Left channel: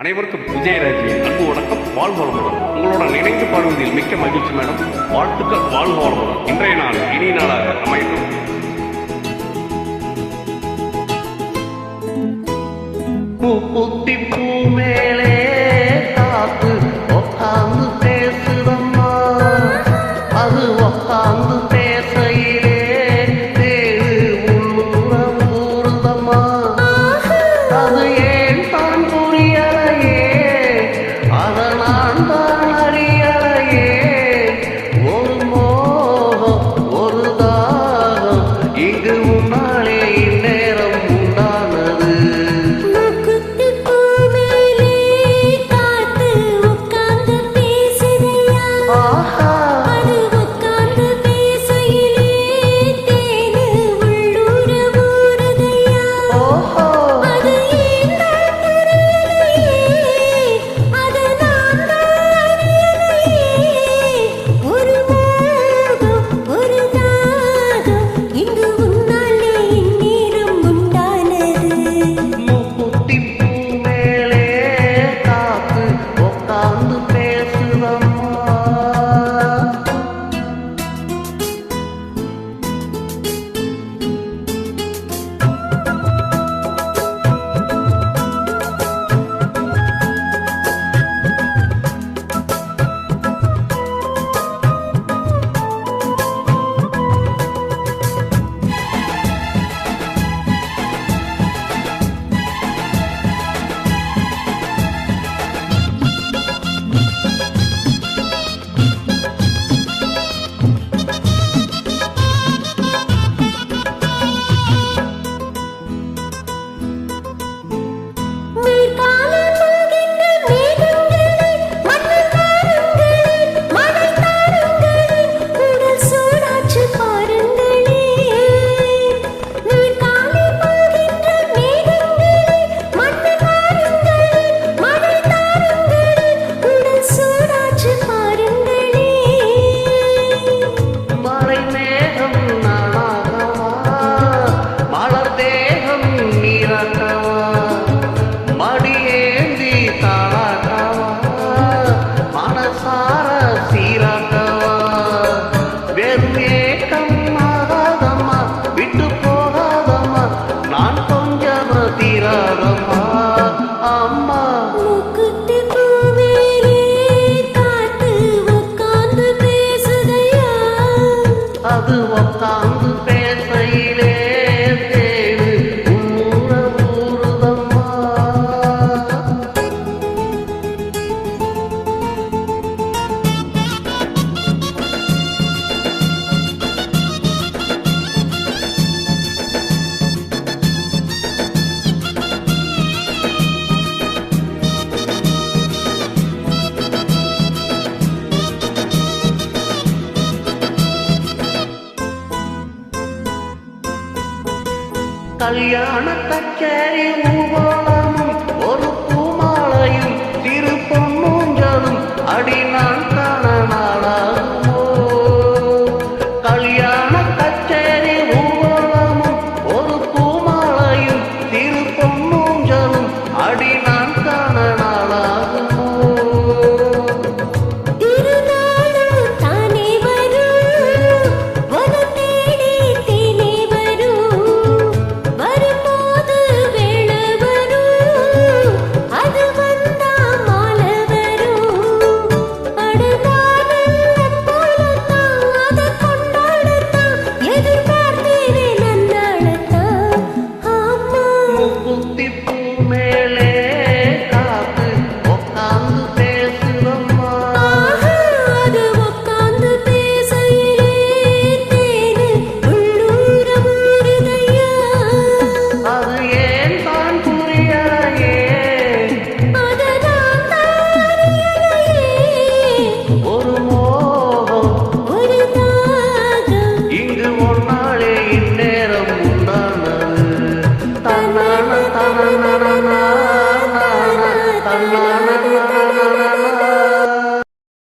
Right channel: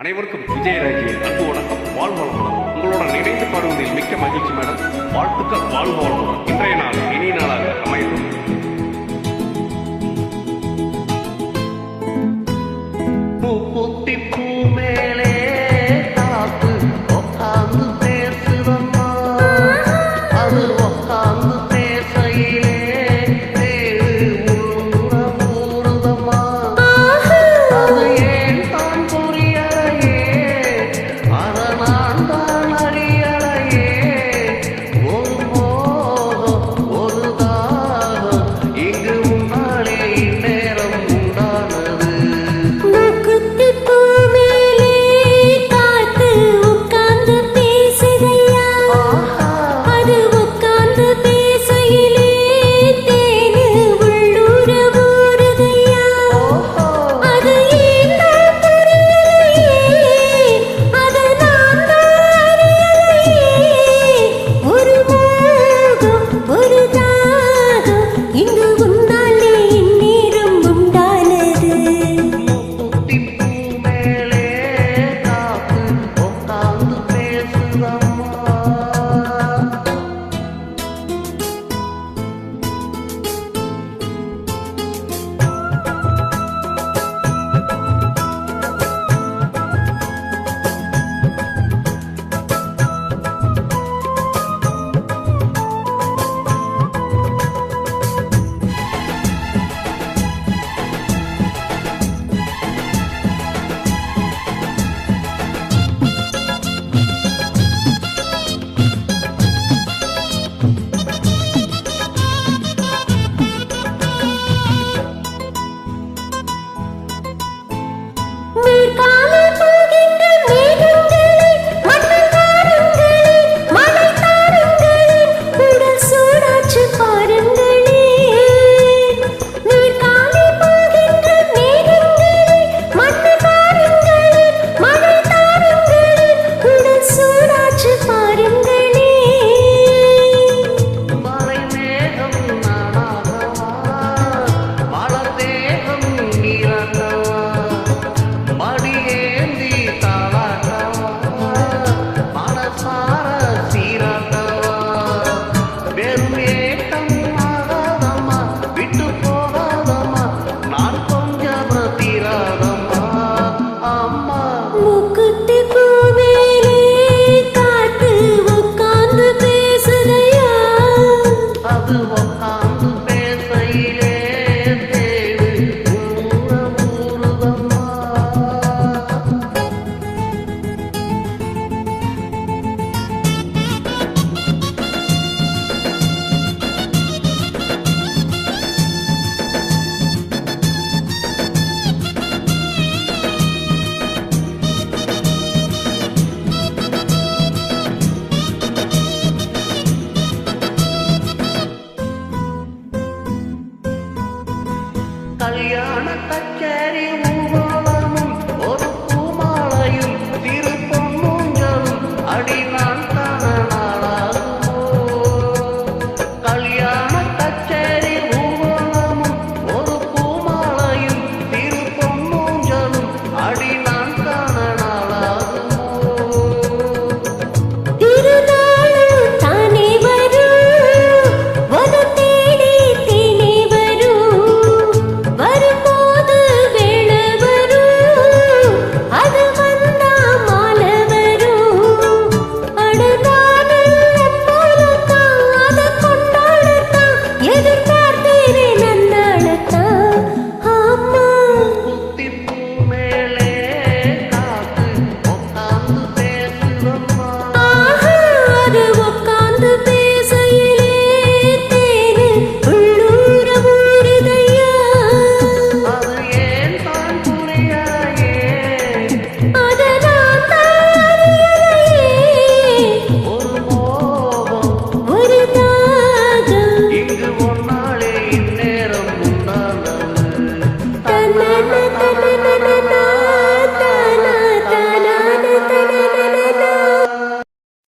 அனைவருக்கும் விஜயராஜியின் அன்பு வணக்கம். வாழ்க வளமுடன். உங்களுடன் இணைந்து பாடுவதில் மிக்க மகிழ்ச்சி மேடம். வாழ்த்துக்கள். வாழ்க வளமுடன். இன்றைய நாள் இனிய நாளாக அமையட்டும். பூத்தி பூ மேலே காத்து உக்காந்து பேசுதம்மா, அது உக்காந்து பேசையிலே தேடு உள்ளூர ஊறுதம்மா. அது ஏன் தான் புரியலையே, அதை நான் தான் அறியலையே. ஒரு மோகம் ஒரு தாகம் இங்கு முன்னாலே இந்நேரம் உண்டானது. மடியேந்தி தாளாட்டவா, மனசார சீராட்டவா. வெறும் ஏக்கம் ஆகாதம்மா, விட்டு போகாதம்மா, நான் கொஞ்சம் தீராதம்மா. அம்மா முக்குத்தி பூமேலே காத்து உக்காந்து பேசுதையா, அது உக்காந்து பேசையிலே தேடு உள்ளூர ஊறுதம்மா. கல்யாண கச்சேரி ஊர்வலமும் ஒரு பூமாலையும் திரு பொன்னூஞ்சலும் அடி நான் காண நாளாகுமோ. கல்யாண கச்சேரி ஊர்வலமும் ஒரு பூமாலையும் திரு பொன்னூஞ்சலும் அடி நான் காண